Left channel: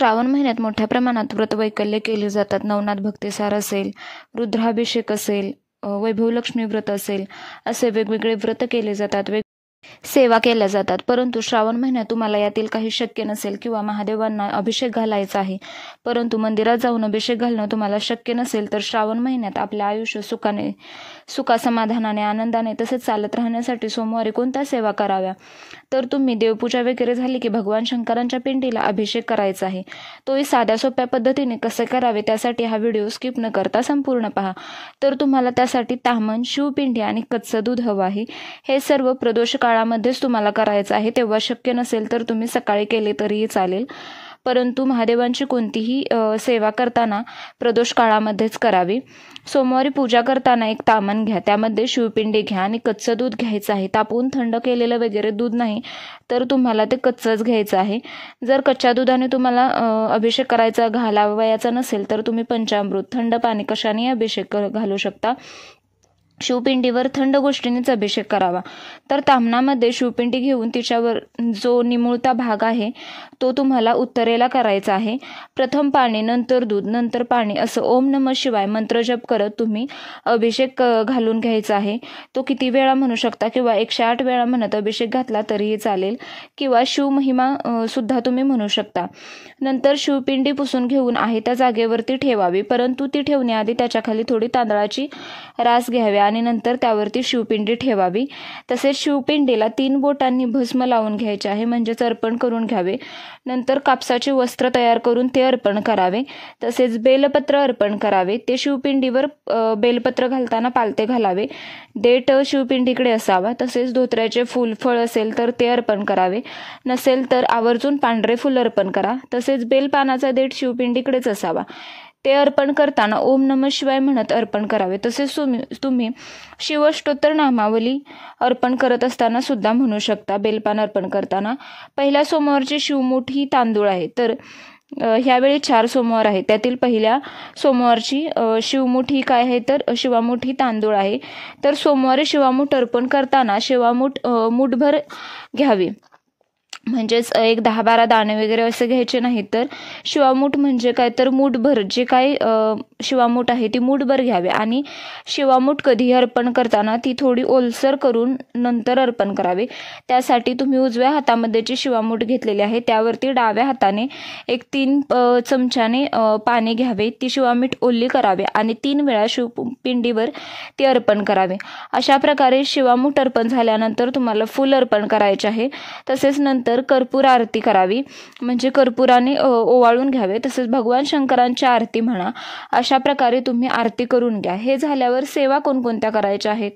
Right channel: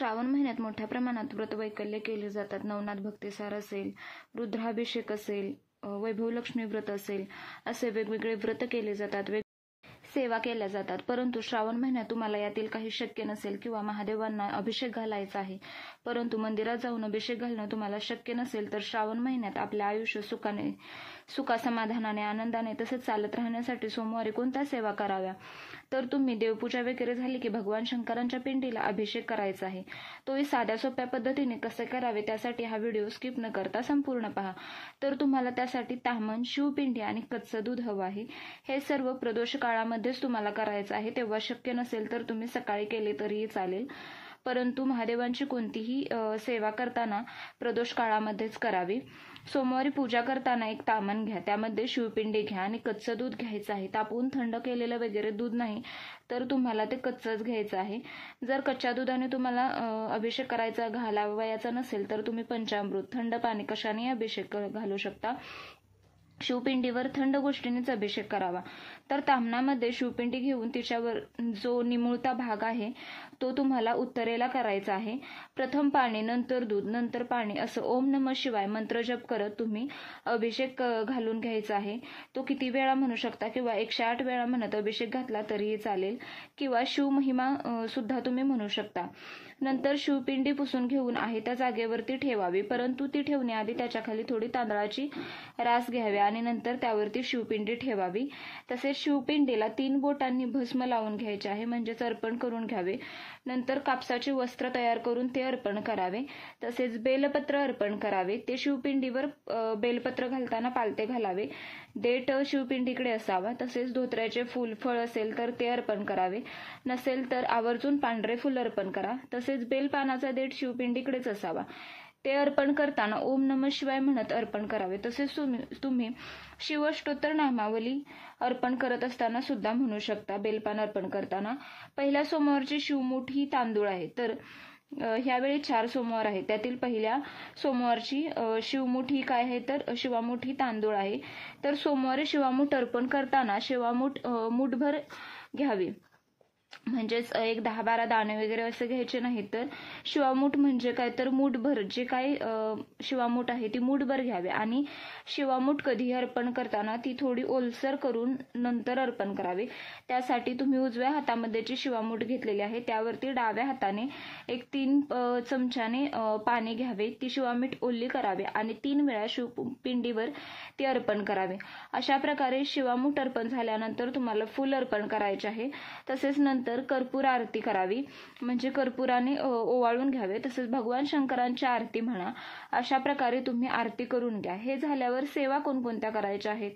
श्रावण महिन्यात मोठ्या प्रमाणात व्रतवैकल्य केली जातात. नवनाथ भक्तिसार असेल, रुद्राभिषेक असेल, वैभवलक्ष्मी व्रत असेल, असे वेगवेगळे व्रत केले जातात, सेवा केल्या जातात. परंतु श्रावण महिन्यात तुम्हाला यातील काही शक्य नसेल किंवा महादेवांना अभिषेक घालायचा आहे, परंतु मंदिरात जाऊन अभिषेक घालणं तुम्हाला शक्य नसेल, तर श्रावण महिन्यात आपले आयुष्य सुखासमाधानाने, आनंदाने तसेच चालत राहण्यासाठी सोमवारी कोणत्या सेवा कराव्या? तर तुम्ही देवपूजा वगैरे झाली की भगवान शंकरांच्या पिंडीला अभिषेक करायचा आहे. तोही साध्या सोप्या पद्धतीने कसे करावे त्यासाठी हा व्हिडिओ स्किप न करता संपूर्ण पहा. तर तुम्हाला त्यासाठी ताम्हण, शिवपिंडी आणि कच्चं दूध हवं आहे. हे सर्व प्रदोष काळामध्येच तुम्हाला करायचं आहे. तेव्हा शक्य नसेल तर तुम्ही सकाळी केले तरीही चालेल, परंतु महादेवांची कोणतीही सेवा करताना प्रदोष काळामध्येच करावी. सोमवारी पूजा करताना एक ताम्हण घ्या, त्यामध्ये शिवपिंडी घ्या आणि कच्चं दूध घ्यायचं आहे. तापवून थंड केलेलं वगैरे दूध नाही, तर तुम्हाला ते कच्चंच घ्यायचं आहे. जर कच्च्या दुधाने तुम्हाला अभिषेक करायचा घालावयाचा नसेल, तर तुम्ही पंचामृत, थंड पाणी कशानेही अभिषेक घालू शकता. शिवपिंडीवर थंड गोष्टींनीच अभिषेक करावा. तर ताम्हणामध्ये शिवपिंडी घेऊन तिच्यावर जो निमुळता भाग आहे तो तुम्हाला उत्तरेला करायचा आहे. प्रथम पाणी, नंतर दूध, नंतर पाणी असं ओम नमः शिवाय मंत्रजप करत तुम्ही अभिषेक घालून घ्यायचा आहे. तो किती वेळा म्हणू शकता किंवा 108 वेळा म्हणत अभिषेक घातला तरीही चालेल, किंवा शिवमहिमा सुद्धा तुम्ही म्हणू शकता. नंतर शिवपिंडी पुसून घेऊन आहे त्या जागेवरती ठेवावी, परंतु ती ठेवण्याआधी त्याच्याखाली थोडी तांदळाची रास घ्यावी आणि नंतर त्यावरती शिवपिंडी ठेवावी. तसेच शिवपिंडीला 3 बोटांनी भस्म लावून घ्यायचे आहे, म्हणजेच अर्पण करून घ्यावे. नंतर कापसाचे वस्त्र तयार करून ते अर्पण करावे. तसेच बेलपत्र अर्पण करावे. ते शिवपिंडीवर बेलपत्र घालताना पालथे घालावे. देठ शिवपिंडीकडे असावा. तसेच धोत्र्याचे फूल, फळ असेल तर ते अर्पण करावे. नसेल तर आवर्जून पांढरे फूल अर्पण करा. तसेच बेलपानाचा देठ शिवपिंडीकडेच असावा. ते अर्पण करताना ओम नमः शिवाय म्हणत अर्पण करावे. तसेच तुम्ही शिवअष्टोत्तर नामावली अर्पण करत असताना सुद्धा म्हणू शकता. बेलपान अर्पण करताना पहिल्या सोमवारची शिवमुठ ही तांदूळ आहे, तर ह्यावेळी 4 सोमवार आहेत. त्यातील पहिल्या सोमवारची शिवमुठ ही काय आहे, तर शिवामुठ ही तांदूळ आहे. तर सोमवारी शिवामुठ अर्पण करताना शिवामुठ मुठभर घ्यावी, म्हणजेच एक 10-12 दाणे वगैरे असे घ्यायचे नाहीत. तर शिवामूठ म्हणजे काय, तर मूठभर जे काय शिवामूठ आहे ती मूठभर घ्यावे. आणि शिवामूठ कधी अर्पण करताना ती थोडी ओलसर करून नंतर अर्पण करावे. त्यासाठी तुम्ही उजव्या हातामध्ये जी शिवामूठ घेतलेली आहे त्यावरती डाव्या हाताने एक 3 चमच्याने पाणी घ्यावे. ती शिवामीठ ओली करावे आणि 3 वेळा शिवपिंडीवर ती अर्पण करावे. अशा प्रकारे शिवामूठ अर्पण झाल्यानंतर तुम्हाला फूल अर्पण करायचे आहे. तसेच नंतर कर्पूर आरती करावी, म्हणजे कर्पुराने ओवाळून घ्यावे. तसेच भगवान शंकरांची आरती म्हणा. अशा प्रकारे तुम्ही आरती करून घ्या. हे झाल्यावर सेवा कोणकोणत्या करायच्या आहेत,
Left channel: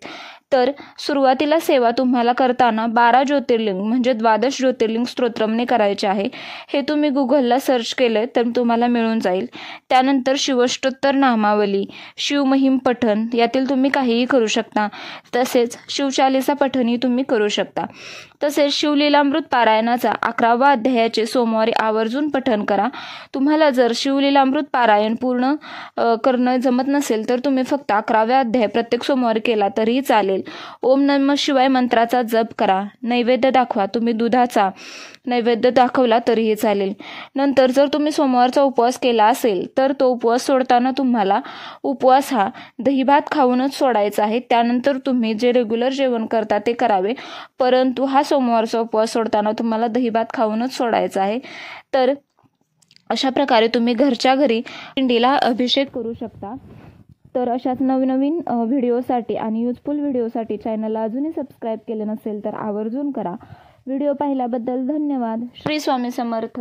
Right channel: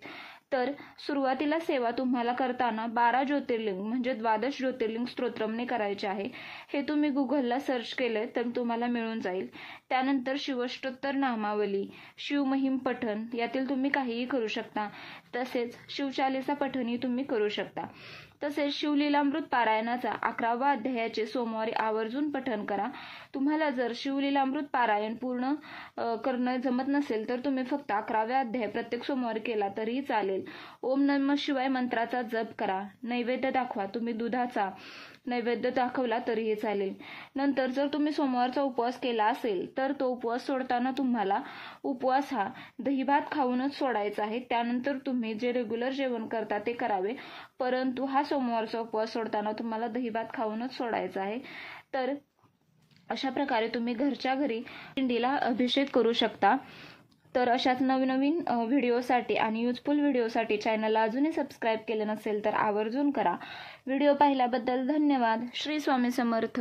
तर सुरुवातीला सेवा तुम्हाला करताना 12 ज्योतिर्लिंग म्हणजे 12 ज्योतिर्लिंग स्तोत्रमने करायचे आहे. हे तुम्ही गुगलला सर्च केलं तर तुम्हाला मिळून जाईल. त्यानंतर शिवअष्टोत्तर नामावली, शिवमहिम पठण यातील तुम्ही काहीही करू शकता. तसेच शिवचालीसा पठणही तुम्ही करू शकता. तसेच शिवलीलामृत पारायणाचा 11व्या अध्यायाचे सोमवारी आवर्जून पठण करा. तुम्हाला जर शिवलीलामृत पारायण पूर्ण करणं जमत नसेल तर तुम्ही फक्त 11व्या अध्याय प्रत्येक सोमवारी केला तरीही चालेल. ओम नमः शिवाय मंत्राचा जप करा. नैवेद्य दाखवा. तुम्ही दुधाचा नैवेद्य दाखवला तरीही चालेल. नंतर जर तुम्ही सोमवारचा उपवास केला असेल तर तो उपवास सोडताना तुम्हाला उपवास हा दहीभात खाऊनच सोडायचा आहे. त्यानंतर तुम्ही जे रेग्युलर जेवण करता ते करावे, परंतु हा सोमवारचा उपवास सोडताना तुम्हाला दहीभात खाऊनच सोडायचा आहे. तर अशा प्रकारे तुम्ही घरच्या घरी पिंडीला अभिषेक करू शकता. तर अशाच नवनवीन व्हिडिओसाठी आणि युजफुल व्हिडिओसाठी चॅनलला अजूनही सबस्क्राईब केलं नसेल तर आवर्जून करा. व्हिडिओ पाहिल्याबद्दल धन्यवाद. श्री स्वामी समर्थ.